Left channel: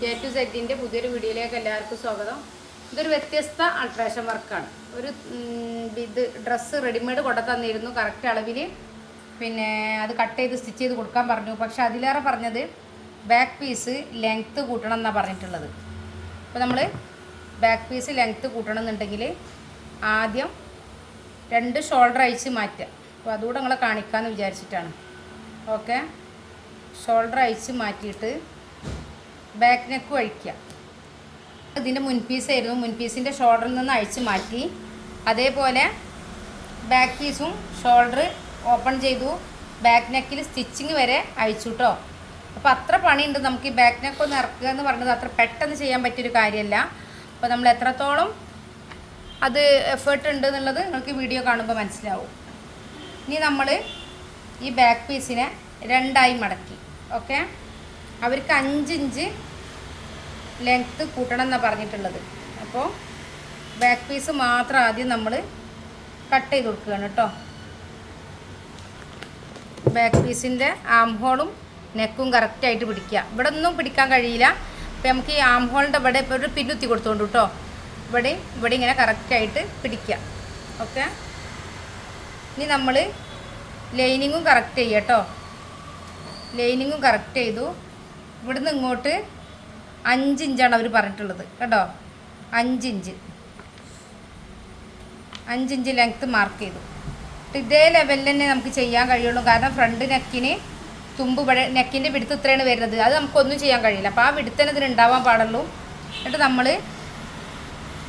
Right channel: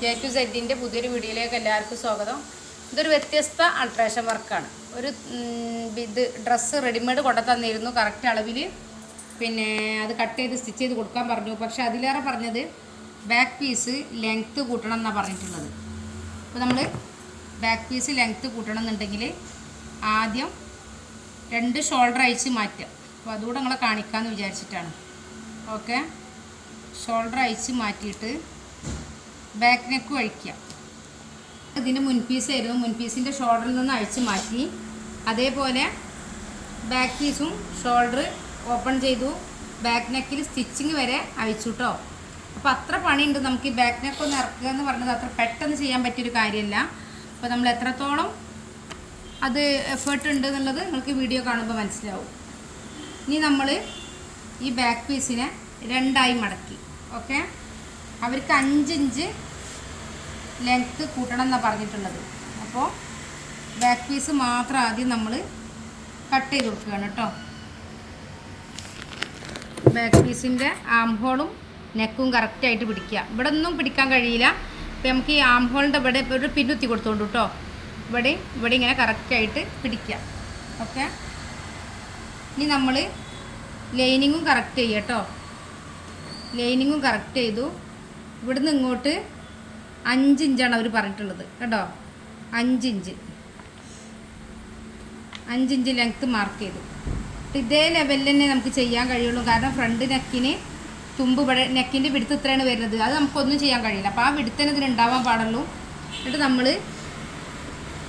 A to സെഡിൻ്റെ പുതിയൊരു വീഡിയോയിലേക്ക് എല്ലാവർക്കും സ്വാഗതം. ഇതൊരു വ്യത്യസ്ത അൾട്രേഷൻ വർക്കാണ്. ഒരു ഇത് ഡ്രസ്സ് റെഡിമെയ്ഡ് കൊണ്ടു തന്നിരുന്നു കറക്റ്റ് അളവിൽ. പിന്നെ അത് കട്ട് ചെയ്ത് സ്റ്റിച്ച് ചെയ്ത് കൊടുക്കാൻ പറഞ്ഞു. പക്ഷേ അതിലേറെ പറഞ്ഞത് ബാക്ക് പീസ് ലെങ്ത്ത് കൂട്ടണം എന്നാണ് പറഞ്ഞിട്ടുള്ളത്. അപ്പോൾ നമ്മൾ ബാക്ക് പീസ് ലെങ്ത്ത് കൂട്ടണം എന്നുണ്ടെങ്കിൽ ആദ്യം 2 ഷോൾഡർ അയച്ച് മാറ്റുക. അപ്പോൾ അതുകൂടെ നിങ്ങളെ കാണിക്കാമെന്ന് വിചാരിച്ചിട്ടാണ്. ഓക്കെ, ഷോൾഡർ അയച്ച് മാറ്റിയിട്ട് ബാക്ക് നെക്ക് അഴിക്കുക. ഇതിൻ്റെ മുൻപീസായിരുന്നു, മുൻപീസിൻ്റെ ഷോൾഡറിൽ നിന്ന് അഴിച്ച് മാറ്റി. അതേപോലെ ബാക്ക് പീസും ഷോൾഡർ ഓപ്പൺ ചെയ്തു, ബാക്ക് നെക്കിൽ സ്റ്റിച്ചിങ് വരെ അഴിച്ചു കേട്ടോ. അപ്പോൾ അത്ര പണിയുണ്ട് നമുക്ക് ഈ ബാക്ക് നെക്ക് ഒന്ന് ഇറക്കുക എന്ന് പറഞ്ഞത്. അത്ര പെട്ടെന്ന് ചെയ്യാൻ പറ്റിയൊരു കാര്യമല്ല. അപ്പോൾ നമ്മൾ എത്രത്തോളം അത് എഫേർട്ട് ഉണ്ട് എന്നുള്ളത് നിങ്ങൾക്ക് വീഡിയോ കാണുമ്പോൾ മനസ്സിലാവും. ഇനി നമ്മൾ ഈ ബാക്ക് പീസിനെ 2ആയി മടക്കി. ഓക്കെ, അവർക്ക് 5 ഇഞ്ച് ലെങ്ത്ത് കൂട്ടണം എന്നാണ് പറഞ്ഞിട്ടുള്ളത്. അപ്പോൾ ബാക്ക് പീസ് മാത്രം ആദ്യം നമ്മൾ കട്ട് ചെയ്ത് കൊടുക്കുകയാണ് കേട്ടോ. ബാക്ക് പീസിൻ്റെ ആം ഹോളും നെക്കും കറക്റ്റായിട്ട് പിടിക്കുക. ഇവിടെ ഒന്നും പിടിക്കാൻ കഴിയില്ല. അപ്പോൾ നമുക്ക് ഈ ആം ഹോളിൻ്റെ ഇവിടെ ഒരു പിന്നുത്തി കൊടുത്തുകൊണ്ട് കേട്ടോ. ഇവിടെ ഇങ്ങനെ കറക്റ്റായിട്ട് പിടിക്കുക. ഓക്കെ, ഇനി നമ്മൾ ലൈനിങ്ങും കറക്റ്റ് ചെയ്യുക കേട്ടോ. ലൈനിങ്ങും കറക്റ്റ് ചെയ്തു. ഇവിടുന്ന് ഇങ്ങോട്ട് 5 ഇഞ്ചാണ് അവർ പറഞ്ഞിട്ടുള്ളത് കേട്ടോ. 5 ഇഞ്ച് ലെങ്ത്ത് മാർക്ക് ചെയ്തു. ഇതേ ലെവലിൽ തന്നെ നമുക്ക് ചെയ്യാൻ കഴിയുള്ളൂ. കാരണം ഫ്രണ്ട് നെക്കിന് തുമ്പ് ഇവിടെ നെക്കിൻ്റെ പിടുത്ത് ഇത്രയാണ് വരുന്നത്. അത് നമുക്കൊന്നും ചെയ്യാൻ കഴിയില്ല. അപ്പോൾ ആ പിടുത്ത് തന്നെ ഇതിന് ഉണ്ടാവാൻ പാടുള്ളൂ. എന്നിട്ട് നമ്മൾ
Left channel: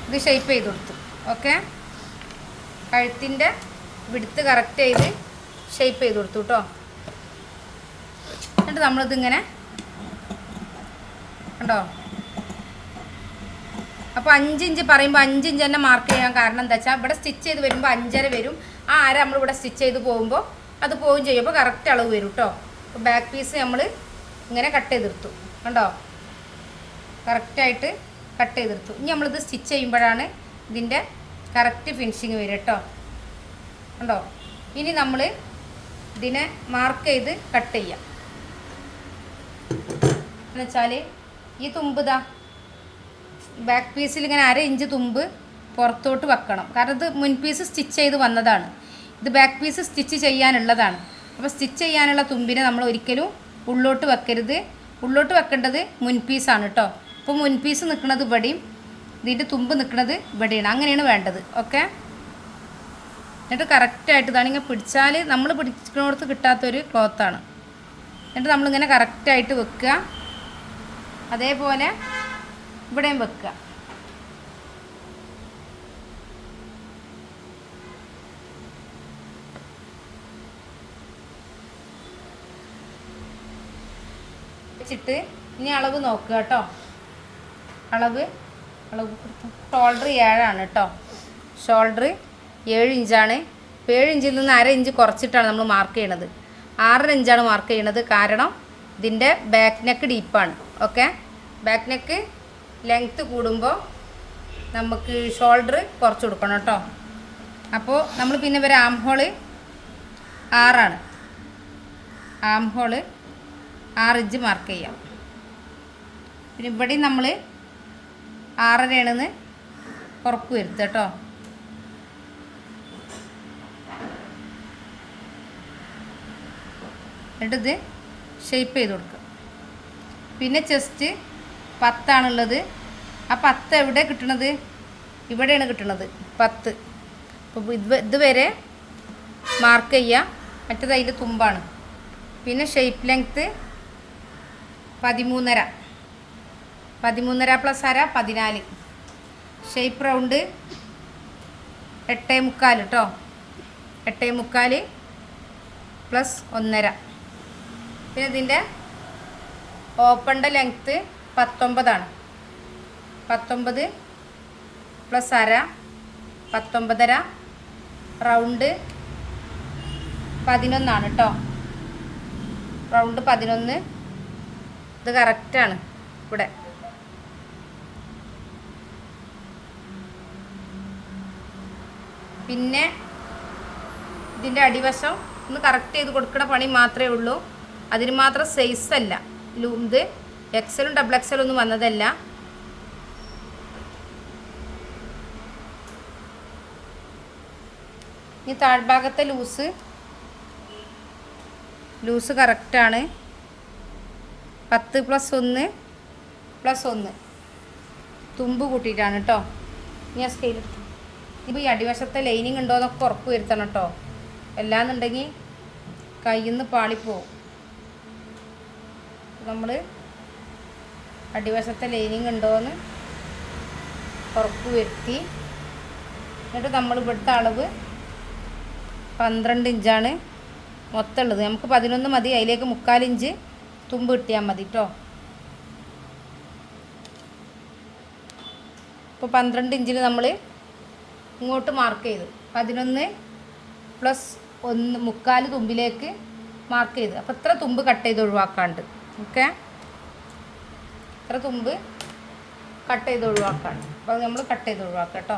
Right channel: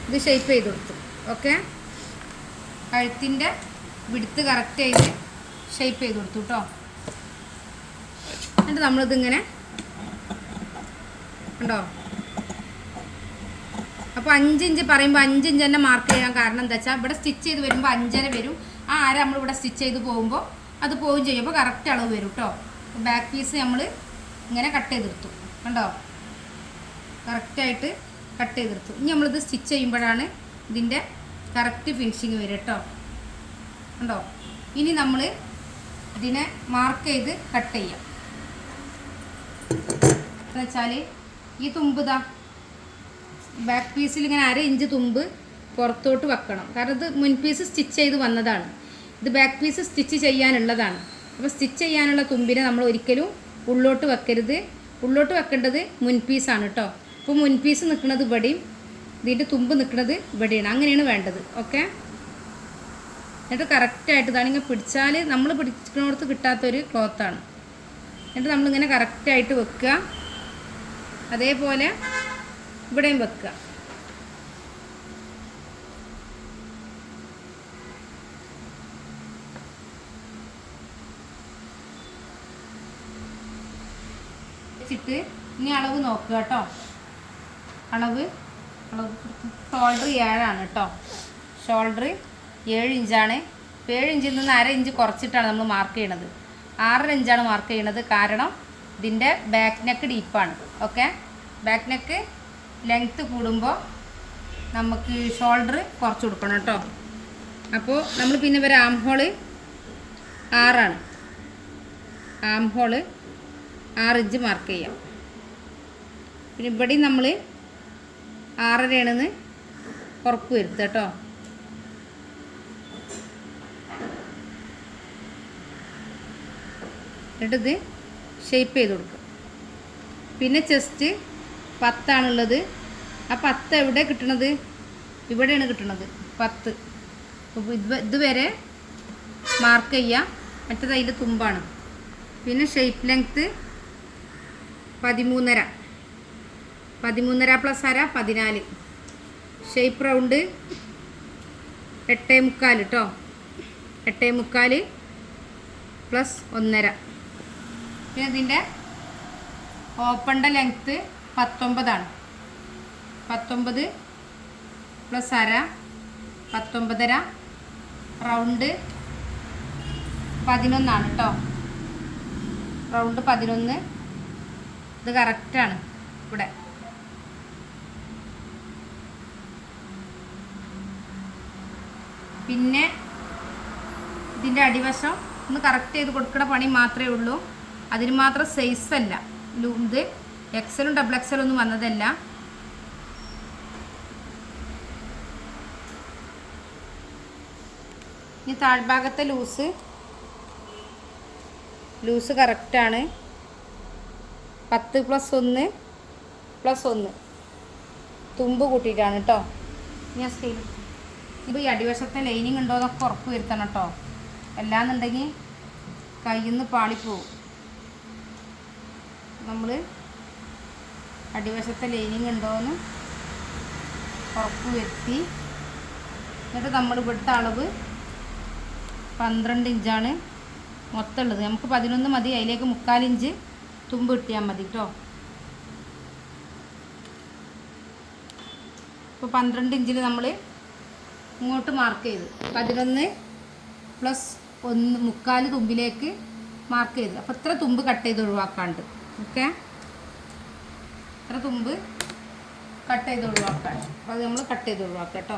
ഇത് ഷേപ്പ് ചെയ്ത് കൊടുത്തു. ഓക്കെ, കഴുത്തിൻ്റെ പിടുത്ത് കറക്റ്റ് ചെയ്ത് ഷേപ്പ് ചെയ്ത് കൊടുത്തു കേട്ടോ. എന്നിട്ട് നമ്മളിതിങ്ങനെ കണ്ടോ. അപ്പോൾ 5 ഇഞ്ച് പറയുമ്പോൾ 5 ഇഞ്ച് തന്നെ മാർക്ക് ചെയ്യാൻ കാരണം എന്താ വെച്ചാൽ ഇവിടെ സ്റ്റിച്ച് ചെയ്ത് വരുമ്പോൾ 5.5 വരും. ആ അര നമ്മളിവിടെ സ്റ്റിച്ച് ചെയ്ത് പോകുമ്പോൾ അത് പോവുകയും ചെയ്യും. അപ്പോൾ കറക്റ്റ് അളവ് വരും കേട്ടോ. അപ്പോൾ ബാക്ക് പീസ് നമ്മൾ ഇങ്ങനെ കട്ട് ചെയ്തെടുത്തു കണ്ടോ. കറക്റ്റായിട്ട് കട്ട് ചെയ്തെടുത്തു. ഇനി നമ്മളിത് സ്റ്റിച്ച് ചെയ്യുമ്പോഴാണ് ഇതിൻ്റെ കറക്റ്റ് ഫിനിഷിങ് വരും കേട്ടോ. കണ്ടോ. ഇനി നമ്മൾ ഇതിനെ മാർക്ക് ചെയ്ത് കട്ട് ചെയ്യാം. എന്നുവെച്ചാൽ ഈ തുമ്പ് ഇതാ ബാക്ക് പീസിൽ ഇങ്ങനെ 1/2 ഇഞ്ച് തുമ്പ് പുറത്തോട്ട് വെക്കണം. കാരണം ഇത് മുൻപീസ് സ്റ്റിച്ച് ചെയ്ത് വന്നതാണ്. ഇത് ബാക്ക് പീസ് സ്റ്റിച്ച് ചെയ്യാനുള്ളതാണ്. അപ്പോൾ സ്റ്റിച്ച് ചെയ്യാനുള്ള തുമ്പിനെ നമ്മൾ ഒരിക്കലും ഉള്ളോട്ട് വെക്കരുത്. ഉള്ളോട്ട് വെക്കേണ്ടത് മുൻപീസാണ് കേട്ടോ. അപ്പോൾ മുൻപീസ് നിൽക്കുന്നത് ഇവിടെയും ഇതിൻ്റെ തുമ്പ് നിൽക്കുന്നത് ഇവിടെയാണ്. അങ്ങനെയാണ് വേണ്ടത്. ഓക്കെ, എന്നിട്ട് കറക്റ്റായിട്ട് ഇതാണെങ്കിൽ പിടിച്ചാൽ നമ്മൾ പിടിച്ചിടത്ത് കിട്ടാത്തൊരു ക്ലോത്താണ്. എന്നിട്ട് നമ്മളിങ്ങനെ കറക്റ്റായിട്ട് വെക്കുക. അതേപോലെ ഇവിടെയും വെക്കുക. വെച്ചിട്ട് ഇനി അളവ് നോക്കുക കേട്ടോ. അളവ് ഷോൾഡർ 7 കേട്ടോ. ഷോൾഡർ 7 ഇഞ്ചാണ്. 7 ഇഞ്ചിൽ നിന്ന് 1/2 ഇഞ്ച് കുറച്ചിട്ടാണ് നമ്മൾ മാർക്ക് ചെയ്യണത്. 6.5 ഇഞ്ചാണ് മാർക്ക് ചെയ്യണത്. കാരണം ഇതിൻ്റെ ബാക്ക് നെക്ക് ഡീപ്പാണ്. ഓക്കെ, ബാക്ക് നെക്ക് ലെങ്ത്ത് കൂടുമ്പോൾ നമുക്ക് ഷോൾഡർ കുറച്ച് കൊടുക്കണം കേട്ടോ. അപ്പോൾ നമ്മൾ പിന്നെ ഒരു ആം ഹോള് 6 ആം ഹോള് 6 ഇഞ്ച് മാർക്ക് ചെയ്യാം. പിന്നെ ഇവിടെയും നമ്മൾ 6.5 ഉറപ്പ് വരുത്തുക കേട്ടോ. എന്നിട്ടിത് ഷേപ്പ് ചെയ്ത് കൊടുക്കും. പിന്നെ ചെസ്റ്റ് 10 ആ 10 എവിടെ കിട്ടണത്? ഇവിടെയാണ് കിട്ടണത് 10. അപ്പോൾ ഇതുവരെ മാർക്ക് ചെയ്യുക. മറ്റേത് അതിൻ്റെ തുമ്പാണ്. പിന്നെ shape length 13.5 plus 1/2 14. Shape round 8.75 കേട്ടോ. 8.75 പ്ലസ് 1.5. പിന്നെ ഇതിൻ്റെ ഓപ്പണിൻ്റെ ലെങ്ത്ത് 19 19 പ്ലസ് 1/2 19.5. റൗണ്ട് 11 കേട്ടോ. റൗണ്ട് 11. ഇത് കറക്റ്റാണ് ഇവിടെ. പിന്നെ ഇതിൻ്റെ അടിവശം ഒന്ന് കറക്റ്റ് ചെയ്ത് കൊടുക്കുന്ന പണി മാത്രമേ ഉള്ളൂ. അതിന് മാത്രം സൈസല്ല ഇത് എക്സലും ഡബിൾ എക്സലും ഒന്നും വന്നതല്ല. ഈ താഴ്ഭാഗത്തെ ലൂസ് കറക്റ്റാണ്. 10+1+1 തുമ്പ് കൂട്ടിയിട്ടാണ് കേട്ടോ. ഞാൻ സ്കെയിൽ ഇപ്പോൾ ഈ അടിവശത്തെ ലൈനിങ് ഉണ്ടോ എന്നൊക്കെ ഉറപ്പ് വരുത്തണം കേട്ടോ. അല്ലാന്നുണ്ടെങ്കിൽ കയ്യിൽ നിന്ന് പാളിപ്പോവും. നമ്മൾ അടിവശത്തെ ലൈനിങ് ഉണ്ടോയെന്ന് ഉറപ്പ് വരുത്തി എന്നിട്ട് നമ്മൾ ഇവിടുത്തെ അളവ് 12 ഇഞ്ചാണ് മൊത്തം ഉള്ളത്. നമുക്ക് 11 മതി. അതിലേക്ക് 3/4 ഇഞ്ച് തുമ്പ് കിട്ടിയാൽ മതി കേട്ടോ. ഇപ്പോൾ 12 ഇഞ്ചിൽ നമ്മൾ ഇങ്ങോട്ട് മാർക്ക് ചെയ്തു. 11+1 3/4 തുമ്പിലേക്ക് മാർക്ക് ചെയ്ത്. അപ്പോൾ ഇത്ര തുമ്പ് കട്ട് ചെയ്ത് ഒഴിവാക്കാണ്ട്. ഓക്കെ, ഇത്ര തുമ്പ് കട്ട് ചെയ്ത് ഒഴിവാക്കാണ്ട്. അപ്പോൾ അത് നമ്മൾ കട്ട് ചെയ്ത് ഒഴിവാക്കാം കേട്ടോ.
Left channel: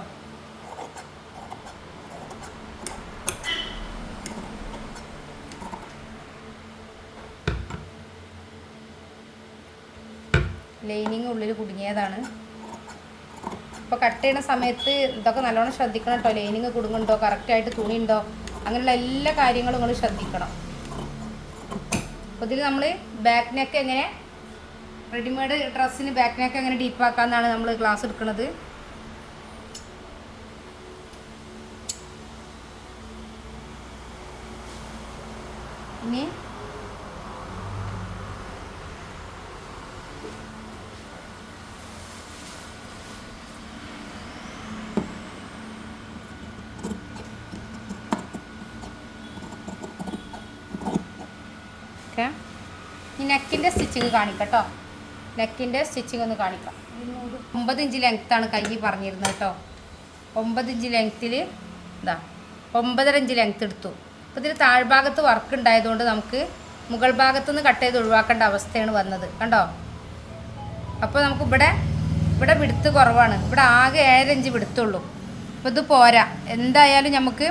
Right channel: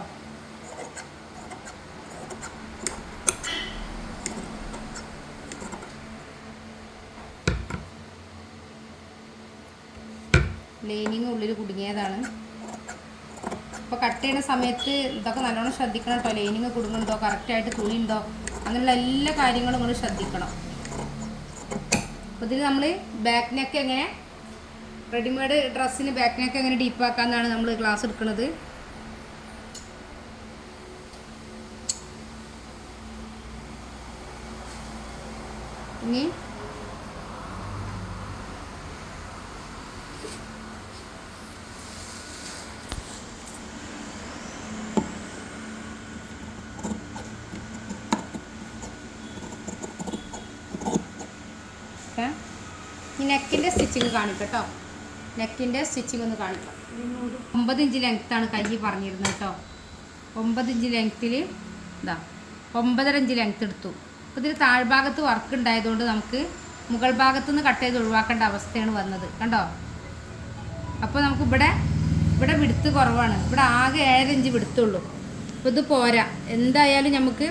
ലൈനിങ് ഉള്ളിൽ കുടുങ്ങിയതാണ്. അപ്പോൾ കട്ട് ചെയ്യുന്ന സമയത്ത് ഇതൊക്കെ നല്ലോണം ശ്രദ്ധിക്കണം കേട്ടോ. ലൈനിങ് കുടുങ്ങുന്നുണ്ടോ, കറക്റ്റായിട്ട് തുണി ഉണ്ടോ, അങ്ങനെയുള്ള എല്ലാ കാര്യങ്ങളും നിങ്ങൾ ശ്രദ്ധിക്കണം. അപ്പോൾ ഇതിൽ നമ്മൾ ബാക്ക് നെക്ക് എങ്ങനെ റെഡിമെയ്ഡ് ഡ്രസ്സിന് ബാക്ക് നെക്ക് എങ്ങനെ ഡീപ്പാക്കാമെന്നാണ് നമ്മൾ ക്ലാസ് എടുക്കുന്നത്. ഇനി നെക്കിൻ്റെ സ്റ്റിച്ചിങ് കാണിക്കാം കേട്ടോ. നെക്കിൻ്റെ സ്റ്റിച്ചിങ് ഒന്ന് കാണിക്കാം. 9 ഇഞ്ച് ലെങ്ത്താണ് കൈ പറഞ്ഞിരുന്നത് കേട്ടോ. 9 ഇഞ്ച് ലെങ്ത്തിൽ ഇതാ 9.5 ഇഞ്ച് ലെങ്ത്ത് എടുത്തു. അപ്പോൾ ഇതിൽ താഴ്ഭാഗത്ത് വർക്ക് ഉണ്ടായതുകൊണ്ട് നമുക്ക് മുകൾ ഭാഗത്തുനിന്ന് കട്ട് ചെയ്ത് ഒഴിവാക്കേണ്ട അവസ്ഥയാണ് വന്നത് കണ്ടോ. അപ്പോൾ നമുക്ക് ഇവിടെ വിടുത്ത് കുറവാണ്. ഇവിടെ ആകെ 7 ഇഞ്ച് വിടുത്തുള്ളൂ. അപ്പോൾ ഇത് പോരാ. എന്തായാലും നമുക്ക്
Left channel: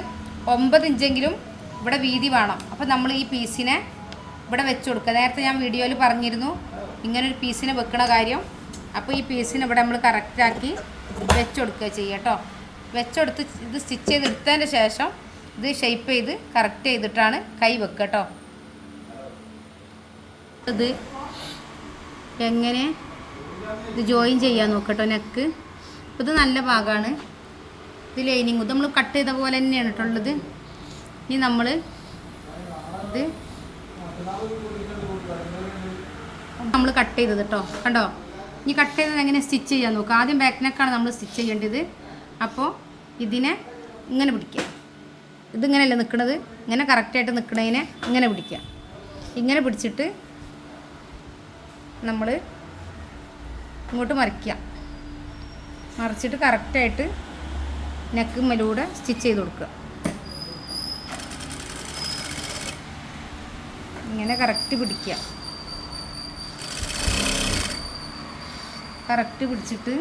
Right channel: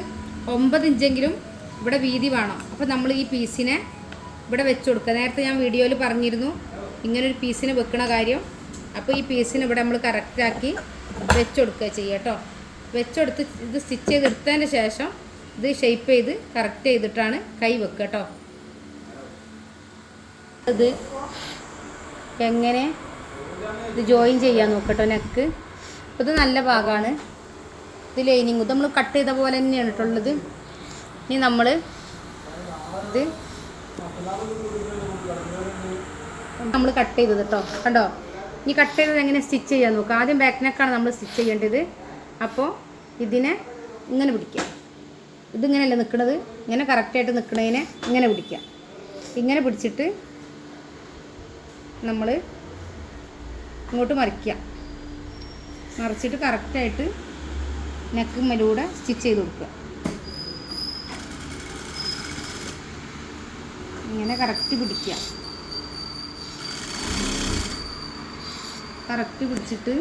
9 ഇഞ്ചെങ്കിലും ഇവിടെ വീതി വേണം. അപ്പോൾ നമ്മൾ ഈ പീസിനെ ഇവിടെ വെച്ച് കൊടുക്കുക. നേരത്തെ ഞാൻ വീഡിയോയിൽ പറഞ്ഞിരുന്നു ഇങ്ങനൊരു പീസിനെ വെക്കണ കാര്യം. അപ്പോൾ ഈ പീസിനെ ഇവിടെ നമ്മൾ കറക്റ്റാക്കി വെച്ച് കൊടുക്കുക ചെയ്യുക കേട്ടോ. വെച്ചെടുത്ത് ഇത് സ്റ്റിച്ച് ചെയ്തെടുത്തതിന് ശേഷം ഇത് ഷേപ്പ് ചെയ്ത് കറക്റ്റ് ചെയ്തിട്ടാണ് കൈ വെക്കുക കേട്ടോ. ഇത് എങ്ങനെ ഇത് ജോയിൻ ചെയ്യാൻ നോക്കട്ടോ നെക്ക്. ഇത് നല്ല ഭാഗമാണ്. ഇത് ലൈനിങ് ഇത് നമ്മൾ കട്ട് ചെയ്ത പോലെ തന്നെയാണ് കേട്ടുള്ളത്. ഇനി നമ്മൾ ഇത് കട്ട് ചെയ്തത് കേട്ടോ. കണ്ടോ, ഇനി കട്ട് ചെയ്തത് എങ്ങനെ സ്റ്റിച്ച് ചെയ്യാൻ നോക്കുക. ആദ്യം ബാക്ക് നെക്കാണ് നമ്മൾ സ്റ്റിച്ച് ചെയ്യേണ്ടത്. അപ്പോൾ ഇതിനെ ഇങ്ങനെ പിടിക്കുക. ഇതിങ്ങനെയല്ലേ നിൽക്കുന്നത്, ഇങ്ങനെ കറക്റ്റായിട്ട് നിൽക്കുന്നതിനെ ഇങ്ങനെ പിടിക്കുക. ഇങ്ങനെ പിടിച്ചിട്ട് നമ്മൾ ഇങ്ങോട്ട് മറിച്ചിട്ട് കറക്റ്റായിട്ട് നെക്ക് മേലൂടെ സ്റ്റിച്ച് ചെയ്ത് കൊടുക്കുക. ഇങ്ങനെ കറക്റ്റ് പിടിക്കുക. കറക്റ്റ് പിടിച്ചിട്ട്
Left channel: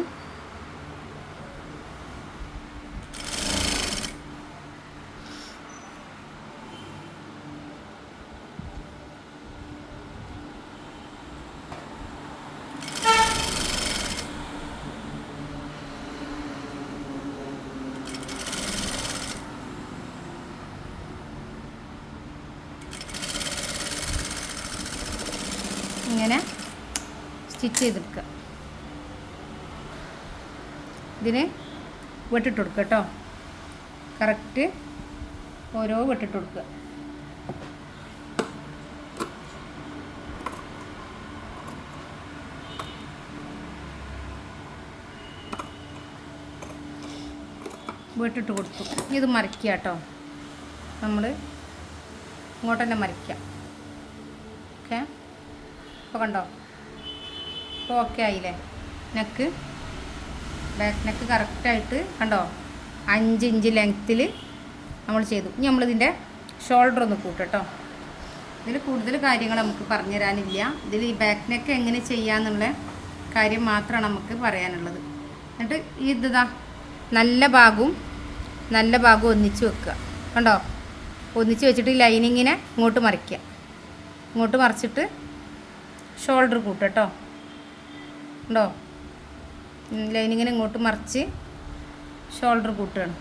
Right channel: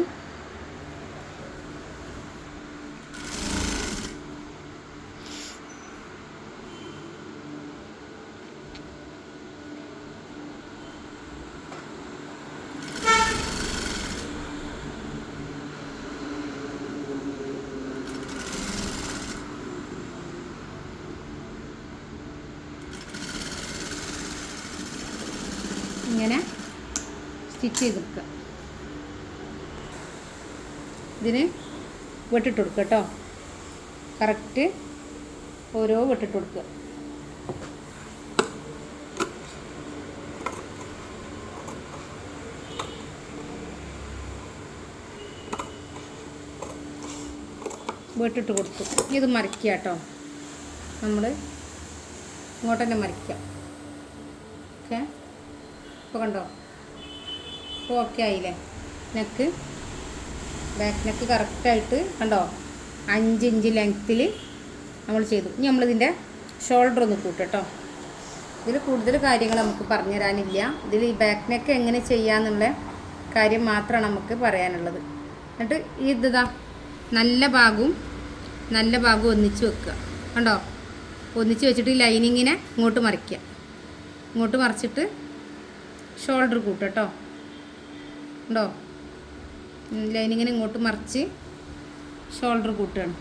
ഇങ്ങനെ സ്റ്റിച്ച് ചെയ്തെടുക്കുക. ഇതിന് വെട്ടിട്ട് കൊടുക്കുക കേട്ടോ. കറക്റ്റ് ഓരോ വെട്ടിട്ട് കൊടുക്കുക. വെട്ടിട്ട് കൊടുത്തു. ഇത് മറിക്കുക കേട്ടോ. നമ്മൾ ഇങ്ങോട്ട് തന്നെ മറിക്കുക. ഓക്കെ, ഇപ്പോൾ കണ്ടോ, ഇപ്പോൾ ഓക്കെ ആയില്ലേ. നെക്ക് ബാക്ക് നെക്ക് കറക്റ്റായിട്ട് കണ്ടോ 5 ഇഞ്ച് ലെങ്ത്തിൽ നമ്മൾ ചെയ്തു. ഇനി നമ്മളിതിൻ്റെ ഷോൾഡർ ഒന്ന് കൂട്ടോ. ഇതിൽ കൂടുതൽ കാര്യങ്ങൾ നമുക്ക് പറഞ്ഞു തരാനില്ല. ഇതിൽ ഈ ബാക്ക് നെക്ക് എങ്ങനെ ചെയ്യാന്നുള്ള കാര്യം മാത്രമാണ് നമുക്ക് പറയാനുള്ളത്. എന്നിട്ട് ഈ ഇതാ നല്ല ഭാഗവും ഒന്നിച്ച് വെക്കുക. കണ്ടോ, ഒന്നിച്ച് വെച്ചിട്ട് ഈ ലൈനിങ്ങിനെ ഇങ്ങോട്ട് മറിക്കുക. ഇങ്ങോട്ട് മറിച്ചിട്ട് ഷോൾഡർ കൂട്ടോ. ഉണ്ടോ? ലൈനിങ്ങിന് ഇങ്ങോട്ട് മറിച്ച് ഷോൾഡർ കൂട്ടുകയാണ്.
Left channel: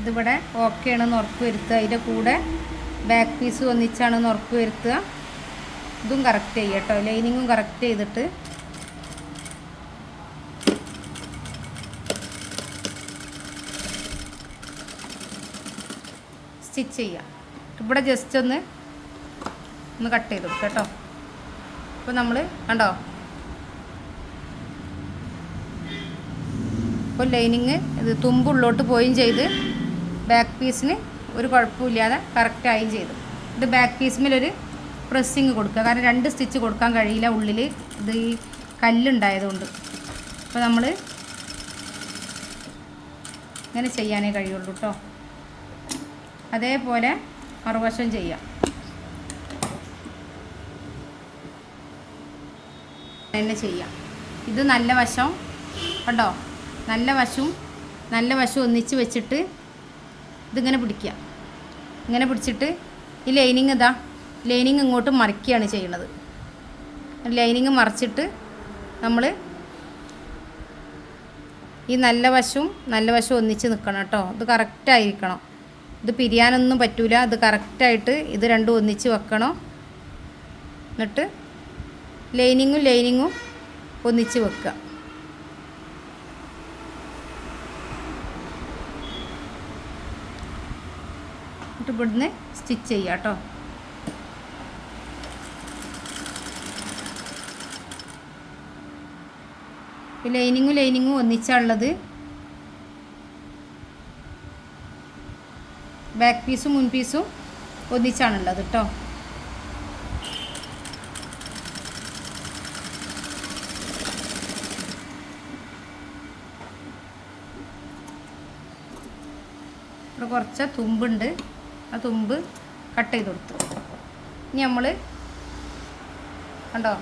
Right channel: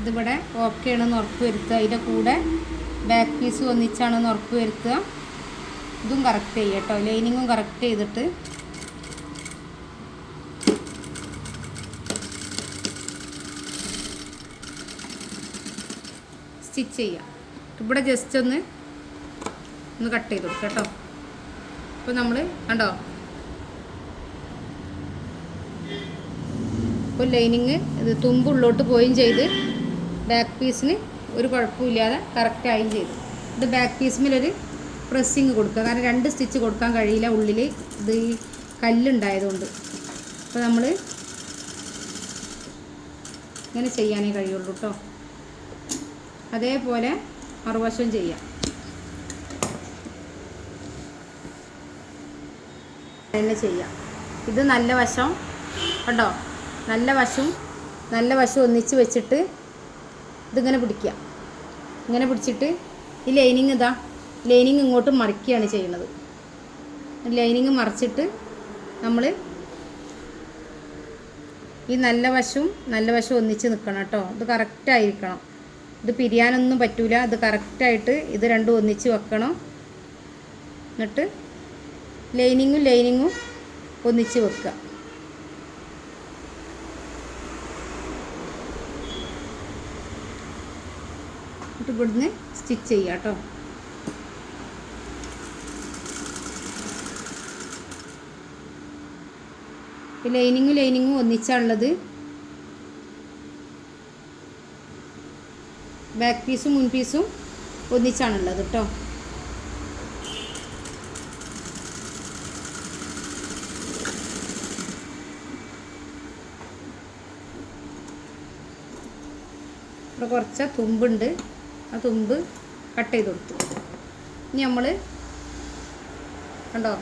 ഇതിവിടെ ഓക്കെ ആണെന്ന് ഉറപ്പ് വരുത്തുക. അതിൻ്റെ കൂടെ ബാക്ക് പീസ് ഒന്നിച്ചാണെന്ന് ഉറപ്പ് വരുത്തുക. ഇതും കറക്റ്റ് ചെയ്യുക കേട്ടോ. ലൈനിങ്ങും കറക്റ്റ് ചെയ്തിട്ട് സ്റ്റിച്ച് ചെയ്യുക. ഇവിടെ ജസ്റ്റ് ഒന്ന് കട്ട് ചെയ്ത് കൊടുക്കുക കേട്ടോ. അപ്പോൾ നമ്മൾ കണ്ടോ, ഇപ്പോൾ ലൈനിങ് ഇത് തുമ്പുള്ളോട്ട് പോയും ചെയ്ത് ബാക്ക് പീസിന് ഒരു കുഴപ്പമില്ലാതെ കറക്റ്റായും ചെയ്തു. ഇത് ബാക്ക് പീസിലൊരു പ്രസ്സിങ് കൊടുക്കുക. കാരണം 2 സ്റ്റിച്ച് കൊടുക്കാൻ കഴിയില്ല, ഉള്ളിൽ ഇത് ഈ കല്ലുണ്ടായതുകൊണ്ട്. അപ്പോൾ നമ്മൾ ഇങ്ങനെ ചെയ്യാനേ കഴിയുള്ളൂ കേട്ടോ. അതേപോലെ മറുവശം ചെയ്യാം. തന്നെ ചെയ്യാം. ഇത് നല്ല വശം കണ്ടോ, നല്ല വശം ഒന്നിച്ച് വെച്ചിട്ട് ഇതിങ്ങനെ പിടിക്കുക. ഇങ്ങനെ പിടിച്ചിട്ട് ഈ ലൈനിങ് ലൈനിങ് ഇങ്ങോട്ട് മറിക്കുകയാണ് ചെയ്യുന്നത്. ലൈനിങ് മറിച്ചിട്ട് നമ്മൾ ഈ നല്ല വശവും ഒന്നിച്ച് നിൽക്കണം കേട്ടോ. ഇത് കറക്റ്റായിരിക്കണം. ഇത് പിരിയാനൊന്നും പറ്റൂല. ഇത് കറക്റ്റായിട്ട് ഇത് രണ്ടും ഒന്നിച്ച് വെക്കണം. എന്നിട്ട് ലൈനിങ്ങും ഒന്നിച്ച് വെക്കുക. ഇവിടുന്ന് സ്റ്റിച്ച് ചെയ്യുക കേട്ടോ. ലൈനിങ്ങും ഒന്നിച്ചുള്ളത്. ബാക്ക് പീസും മുൻ പീസും ഒന്നിച്ചാണുള്ളത് കേട്ടോ. ഇവിടെ കുറച്ച് തുമ്പുണ്ട്, ആ തുമ്പ് കട്ട് ചെയ്ത് കൊടുത്തു. ഇനി നമ്മൾ കണ്ടോ,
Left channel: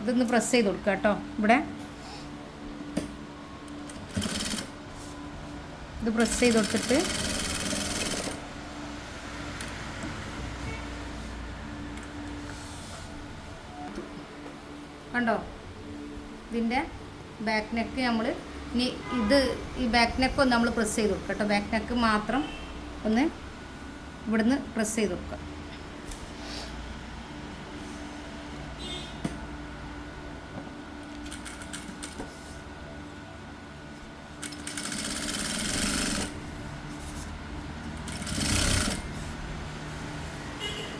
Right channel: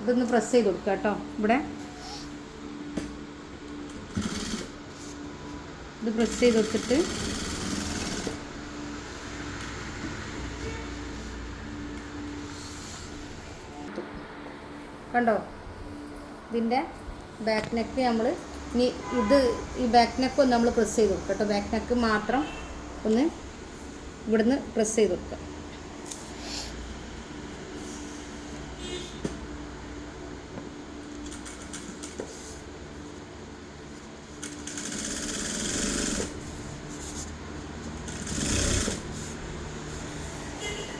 ഇതൊന്ന് പ്രസ് ചെയ്ത് കൊടുക്കുക കേട്ടോ. ഇവിടെ ഇത് പ്രസ് ചെയ്ത് കൊടുത്തിട്ട് കണ്ടോ, ഇതിൻ്റെ ബാക്ക് നെക്ക് നമ്മൾ ഇനി ഈ ബാക്ക് നെക്ക് ഒന്ന് നമ്മൾ പ്രസ് ചെയ്ത് കൊടുക്കുക കേട്ടോ. ബാക്ക് നെക്ക് മാത്രം ഒന്ന് ഇവിടുന്ന് പ്രസ് ചെയ്ത് കൊടുക്കുക.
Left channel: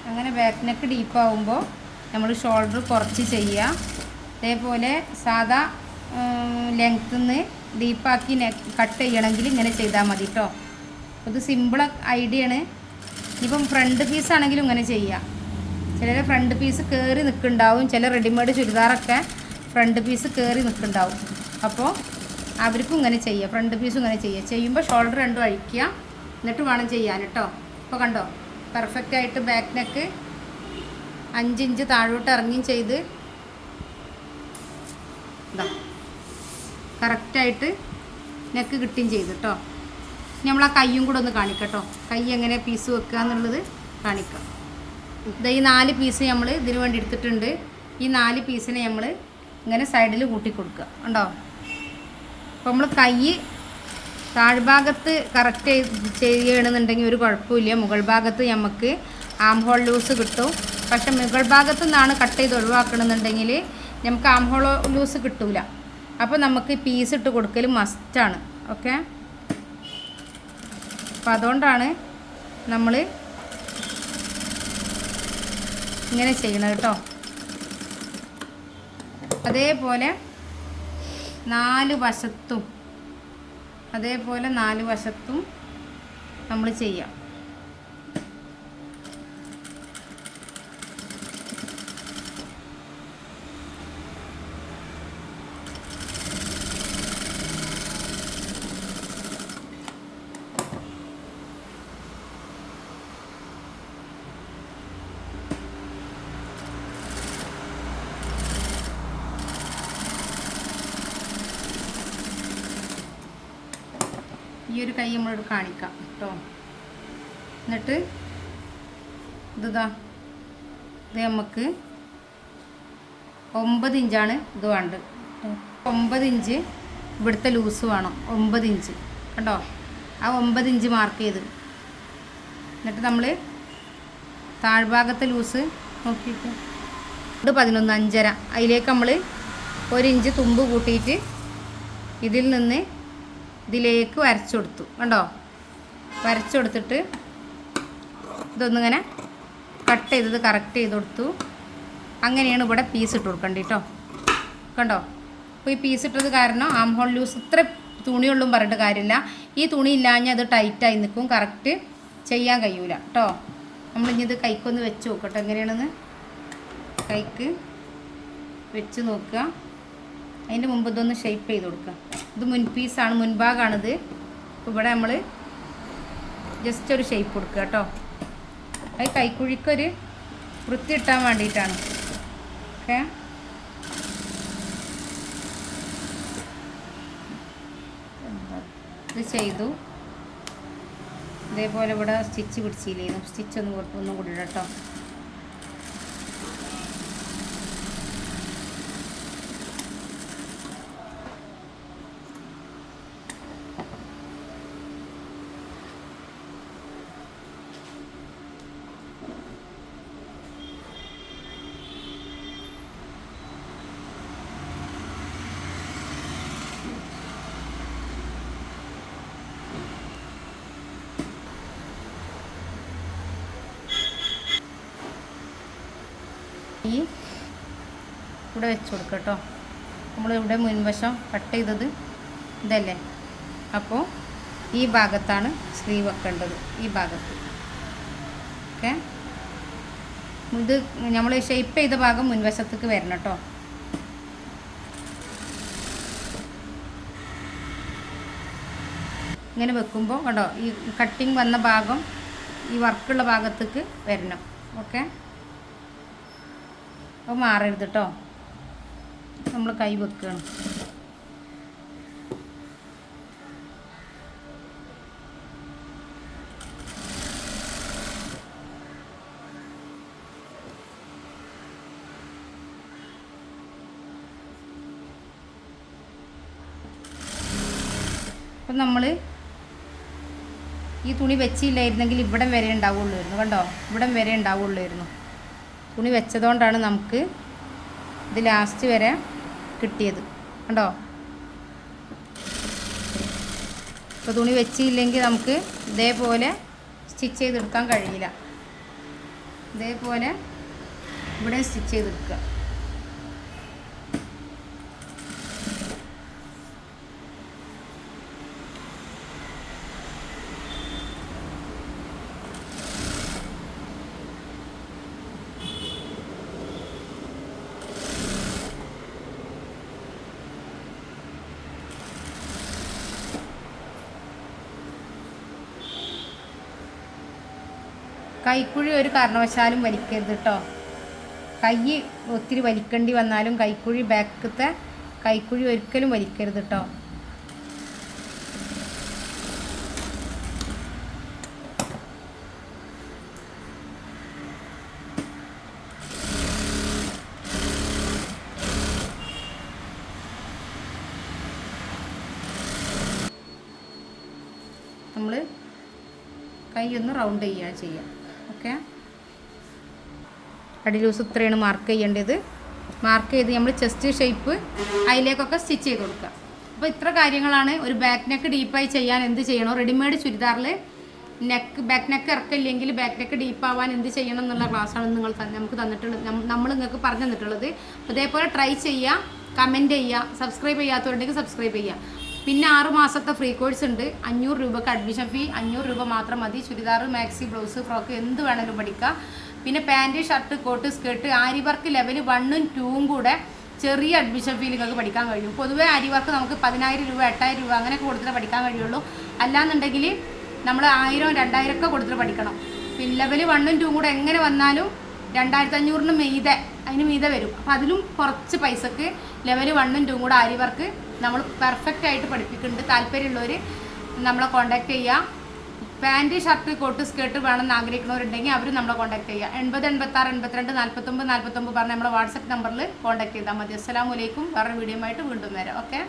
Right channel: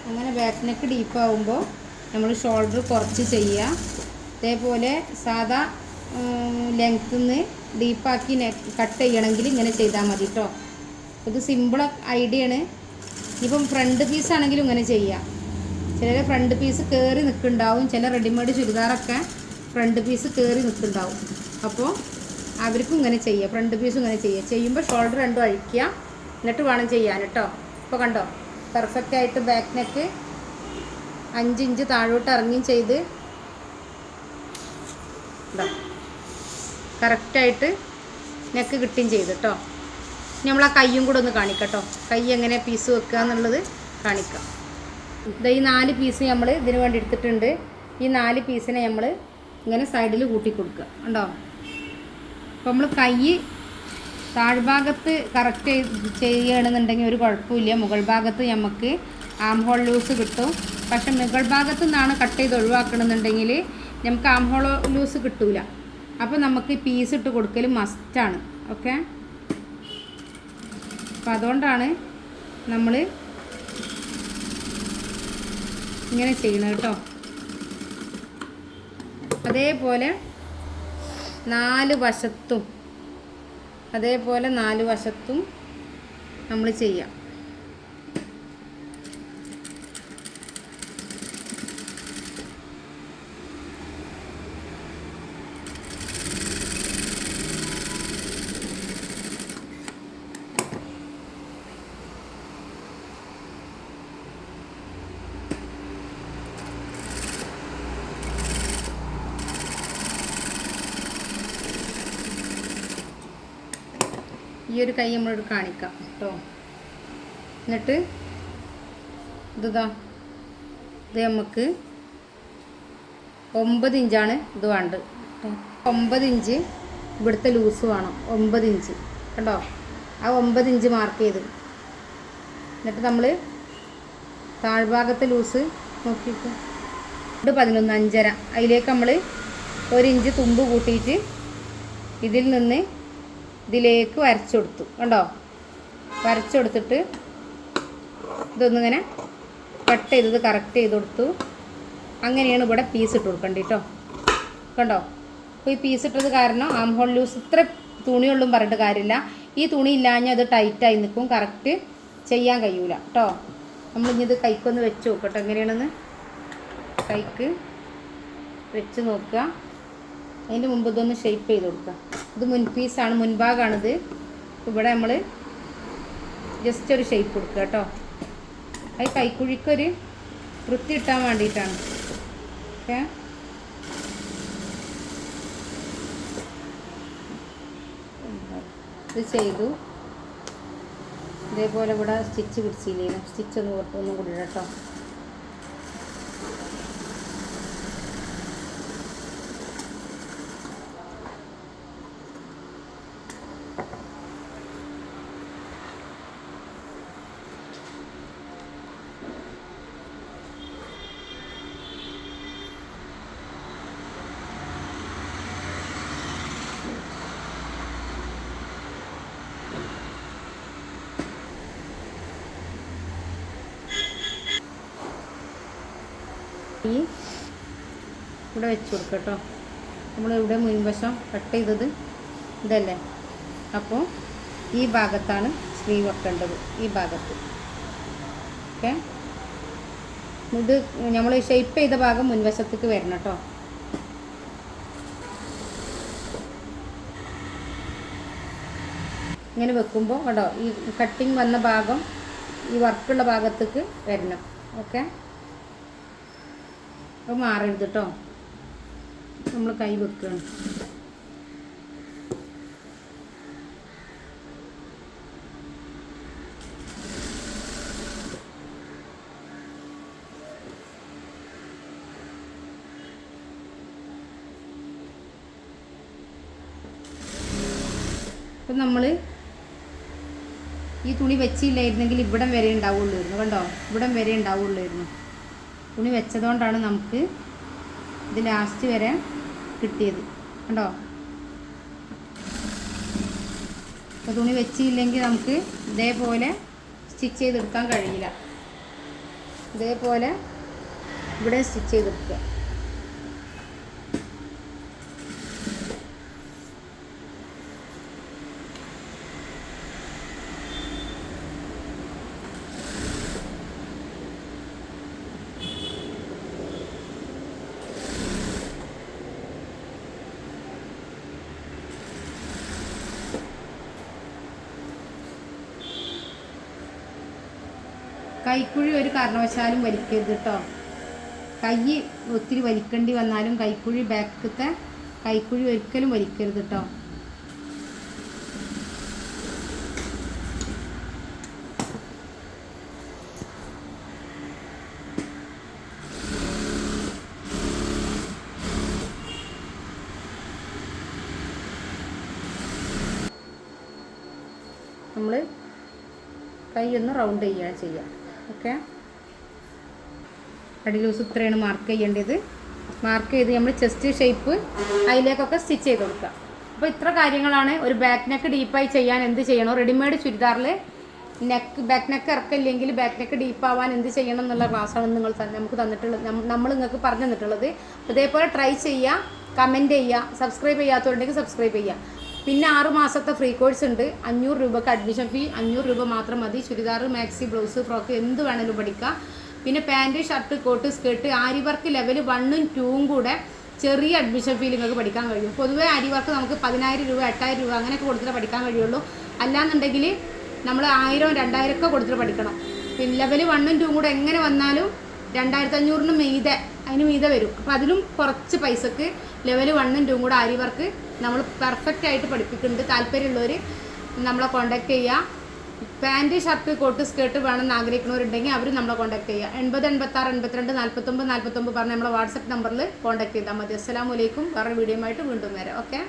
അങ്ങനെ ബാക്ക് നെക്ക് ഡീപ്പാവുമ്പോൾ നമ്മൾ ഷോൾഡർ കുറച്ച് ചെയ്യുക. അതേപോലെ സാധാ ലെങ്ത്തിൽ നിന്ന് ഡീപ്പാക്കി കട്ട് ചെയ്യണമെങ്കിൽ ഇങ്ങനെ ചെയ്താൽ മതി കേട്ടോ. ഇത് സിമ്പിൾ ഐഡിയ ആണ്. ഇപ്പം ഫ്രണ്ട് പീസ് ആണെങ്കിലും ഇങ്ങനെ ചെയ്യാം. ചിലർ ഫ്രണ്ട് പീസ് കയറി നിൽക്കുന്നുണ്ടാവും. ചില റെഡിമെയ്ഡ് ചുരിദാറൊക്കെ ഫ്രണ്ട് പീസ് കയറി നിൽക്കുന്നുണ്ടാവും. അപ്പോൾ അവർക്കും ഇങ്ങനെ ചെയ്യുക, ഫ്രണ്ട് പീസും ഇങ്ങനെ ചെയ്യുക. ചെയ്യുമ്പോൾ ഷോൾഡർ രണ്ടും അഴിക്കുക, എന്നിട്ട് വേണം ചെയ്യാൻ കേട്ടോ. ഇപ്പോൾ കണ്ടോ, പെർഫെക്റ്റായിട്ട് ബാക്ക് നെക്ക് 5 ഇഞ്ച് താഴോട്ട് ഇറങ്ങിയും ചെയ്ത് ഇതാ കറക്റ്റായിട്ട് നെക്ക് കിട്ടുകയും ചെയ്ത് കേട്ടോ. നമ്മൾ ആ കയ്യും കൂടെ ഒന്ന് കാണിക്കട്ടോ. കൈ എങ്ങനെ പീസ് വെക്കുക എന്നുള്ളത് കാണിക്കുക. ഇത് ഈ 4 പീസ് നമ്മൾ ഇതിന് വേണ്ടി എടുത്തിട്ടുണ്ട്. ഈ 4 പീസിനെ നമ്മൾ ഇങ്ങനെ സൈഡിൽ കൂട്ടി കൊടുക്കുക. ഉണ്ടോ? അപ്പോൾ നമ്മൾ കൈ താഴ്ഭാഗത്ത് കറക്റ്റ് ചെയ്യുകയാണെന്നുണ്ടെങ്കിൽ ഒരു കുഴപ്പമില്ല. മുകൾ ഭാഗത്ത് നമുക്ക് ആം ഹോൾ ലൂസ് കിട്ടും. പക്ഷെ മുകൾ ഭാഗത്തു നിന്നാണ് കട്ട് ചെയ്ത് ഒഴിവാക്കണമെന്നുണ്ടെങ്കിൽ നമുക്ക് ആം ഹോൾ ലൂസ് കിട്ടില്ല. അപ്പോൾ നമുക്ക് പീസ് ഇട്ട് കൊടുക്കൽ മസ്റ്റാണ്. ഓക്കെ, അപ്പം അതുകൊണ്ടാണ് നമ്മൾ ഇങ്ങനെ ചെയ്യണം കേട്ടോ. അതേപോലെ 4 വശത്തും നമ്മൾ ചെയ്യാം. ഈ ഒരു കൈ നമ്മളോട് കാണിക്കാം കേട്ടോ. എന്നിട്ട് ഇത് നമുക്ക് 9 ഇഞ്ചാണ് ഇത് വേണ്ടത്. 9 ഇഞ്ച് ഇവിടുത്തെ ലൂസ് വേണം. 9 ഇഞ്ച് കണ്ടോ, ആ 9 ഇഞ്ച് മാർക്ക് ചെയ്ത്. എന്നിട്ട് നമ്മൾ താഴ്ഭാഗത്തെ ലൂസ് നോക്കിയിട്ട് 11 5.5 അതിലേക്ക് നമ്മൾ 1 ഇഞ്ച് തുമ്പ് കൂട്ടിയിട്ട് ഇതിൽ നിന്ന് ഇതിലേക്ക് വരച്ചു കൊടുത്തു. കണ്ടോ, വരച്ചു കൊടുത്തിട്ട് ഇതൊന്നിങ്ങനെ കട്ട് ചെയ്തത് കറക്റ്റ് ചെയ്ത് കൊടുത്തു. അങ്ങനെയാണ് ഇവിടെ പീസ് ഇട്ട് കൊടുക്കേണ്ടത് കേട്ടോ. കണ്ടോ, അപ്പോൾ ഈ പീസ് ഇട്ടത് കാരണം ആം ഹോൾ ലൂസ് ഇത്ര തുണിയുള്ളും പറഞ്ഞിട്ട് കാര്യമില്ല. ഈ തുണി ഇല്ലാഞ്ഞാൽ അത് ടൈറ്റായി നിൽക്കും, കറക്റ്റ് ചെയ്യാൻ കഴിയൂല കേട്ടോ. നമ്മളിനി ഇത് കൈക്കൊന്ന് വെച്ച് നോക്കട്ടെ എങ്ങനെയാണെന്ന്. കൈക്ക് വെച്ച് നോക്കുക. അതിൻ്റെ മുമ്പ് ഇതൊന്ന് ഷേപ്പ് ചെയ്ത് കൊടുക്കുക. ഇത് മുൻപീസാണ്, മുൻഭാഗമാണിത്. അപ്പോൾ ഇവിടെ നമ്മൾ ജസ്റ്റ് ഒരു ഷേപ്പ് കൊടുക്കുക കേട്ടോ. അത് കൈക്കുഴിക്കൊരു വൃത്തി ഇട്ടാൻ വേണ്ടിയിട്ടാണ്. ഓക്കെ, ഇത് ചെയ്തു. ഇതേപോലെ ഇവിടെ സ്റ്റിച്ച് പിടിച്ചില്ലേന്നു, സ്റ്റിച്ച് ഒന്നും കൂടി കേട്ടോ. ഈ ഇവിടെ വെച്ച് കൊടുക്കുക കേട്ടോ. നമ്മളിവിടെ മുൻവശം കട്ട് ചെയ്തത് ഇതല്ലേ, അപ്പോൾ ഈ ഭാഗത്താണ് സ്ലീവ് വെക്കേണ്ടത്, ഈ ഭാഗത്ത്. ഓക്കെ, ഇത് നമ്മൾ ഷേപ്പ് ചെയ്ത ഭാഗം മുൻവശത്തേക്ക് വരണം കേട്ടോ. ഇങ്ങനെ വെക്കുമ്പോൾ കേട്ടോ ഈ കട്ടിങ് വന്ന ഭാഗം ഈ വർക്കുള്ള ഭാഗത്തേക്ക് വരണം. ഓക്കെ, അപ്പോൾ മാറരുത് കേട്ടോ. നമ്മൾ കൈ വെക്കുകയാണ്. അപ്പം നമ്മൾ ഈ തുണി വെച്ചില്ലായിരുന്നെങ്കിൽ ഇവിടം വരെ ഉണ്ടാവുള്ളായിരുന്നു. കണ്ടോ, ഇവിടം വരെ ഉണ്ടാവുള്ളായിരുന്നു. തുണി വെച്ചതുകൊണ്ടാണ് നമുക്ക് ഇത് ലാസ്റ്റ് വരെ കിട്ടിയത്. കണ്ടോ, ഇപ്പോൾ തുണി വെച്ചില്ലെങ്കിൽ നമുക്ക് ഇതേപോലെ സ്റ്റിച്ച് ചെയ്തെടുക്കാൻ കഴിയില്ല. ഇതേപോലെ ഇവിടെ സ്റ്റിച്ച് ചെയ്തെടുക്കുക. കൈക്കുഴി ഒരു കാരണവശാലും വലിക്കരുത് കേട്ടോ. കൈ ഒത്തിരി വലിക്കേണ്ടി വന്നാലും കൈക്കുഴി ബാക്കത്തെ കൈക്കുഴി ഒരിക്കലും വലിക്കരുത് കേട്ടോ. നമ്മൾ കൈ ഒന്ന് റൗണ്ട് ചെയ്യുക. ഓക്കെ, അടി ലൂസ് ഇത്രയാണ് മാർക്ക് ചെയ്യേണ്ടത്. മാർക്ക് ചെയ്ത് നമ്മൾ ചെസ്റ്റ് ഷേപ്പ് അതിലേക്കൊക്കെ സ്റ്റിച്ച് ചെയ്ത് കൊടുക്കുക. അപ്പോൾ ഇത്ര കാര്യങ്ങളാണ്. ഒരു ബാക്ക് നെക്ക് ഡീപ്പായി ചെയ്യാൻ എന്ത് ചെയ്യണം, റെഡിമെയ്ഡ് ചുരിദാറിൽ ബാക്ക് നെക്ക് ഇറക്കില്ലെങ്കിൽ ബാക്ക് നെക്ക് ഡീപ്പാവാൻ എന്ത് ചെയ്യണം എന്നുള്ള ക്ലാസ്സാണ് നമുക്ക് തന്നിട്ടുള്ളത്, നമ്മൾ നിങ്ങൾക്ക് പറഞ്ഞു തന്നിട്ടുള്ളത്. അതേപോലെ ട്രൈ ചെയ്യുക, കമൻറ്റ് ചെയ്യുക, സബ്സ്ക്രൈബ് ചെയ്യാത്തവരുണ്ടെങ്കിൽ സബ്സ്ക്രൈബ് ചെയ്യുക. പിന്നെ 6 മാസത്തെ ഫ്രീ കോഴ്സ് ഉണ്ട്. 500 രൂപക്ക് അഡ്മിഷൻ ഫീ, 500 രൂപ മാത്രം മതി. ചുരിദാർ, മാക്സി, ബ്ലൗസ്, ഫ്രോക്ക് എന്ത് വേണമെങ്കിലും പഠിക്കാം. പിന്നെ പാൻറ്റ്, ഷർട്ട്, കോട്ട്, സ്കേർട്ട്, ആരി വർക്ക് ലെവൽ 1ഉം 2ഉം കൂടെ ചെറിയ അഡ്മിഷൻ ഫീ നിങ്ങൾക്ക് പഠിക്കാൻ കഴിയും. പൊതുവേ ആരി വർക്ക് നമുക്ക് 10,000 രൂപ 8,000 രൂപ അങ്ങനെയൊക്കെ കൊടുത്തിട്ട് പഠിക്കാൻ കഴിയുള്ളൂ. അല്ലാന്നുണ്ടെങ്കിൽ നമ്മൾ 1000 2000 ഒക്കെ കൊടുത്തിട്ട് പഠിക്കണം. പിന്നെ ലെവൽ 1ഉം 2ഉം കൂടെ എങ്ങനെ വന്നാലും 2500 മീതെ അതിന് മീതെ വരും. അപ്പോൾ അതിലും കുറച്ച് പൈസക്ക് ലെവൽ 1ഉം 2ഉം കൂടെ ആരി വർക്ക് നമ്മൾ പെർഫെക്റ്റ് ആയിട്ട് പഠിപ്പിക്കുന്നുണ്ട്. താല്പര്യമുള്ളവർ നമ്മളെ കോൺടാക്ട് ചെയ്യുക. പാൻറ്റ്, ഷർട്ട്, കോട്ട്, സ്കേർട്ട് വേണമെന്ന് ആഗ്രഹിക്കുന്നവരുണ്ടെങ്കിൽ അവർ നമ്മളെ കോൺടാക്ട് ചെയ്യുക. 80 86 82 49 49 പറഞ്ഞ് നമ്മളെ വാട്സപ്പ് നമ്പറിൽ കോൺടാക്ട് ചെയ്താൽ മതി. അസ്സലാമു അലൈക്കും. വേറെ വീഡിയോ ആയിട്ട് വീണ്ടും വരാം. ഓക്കെ.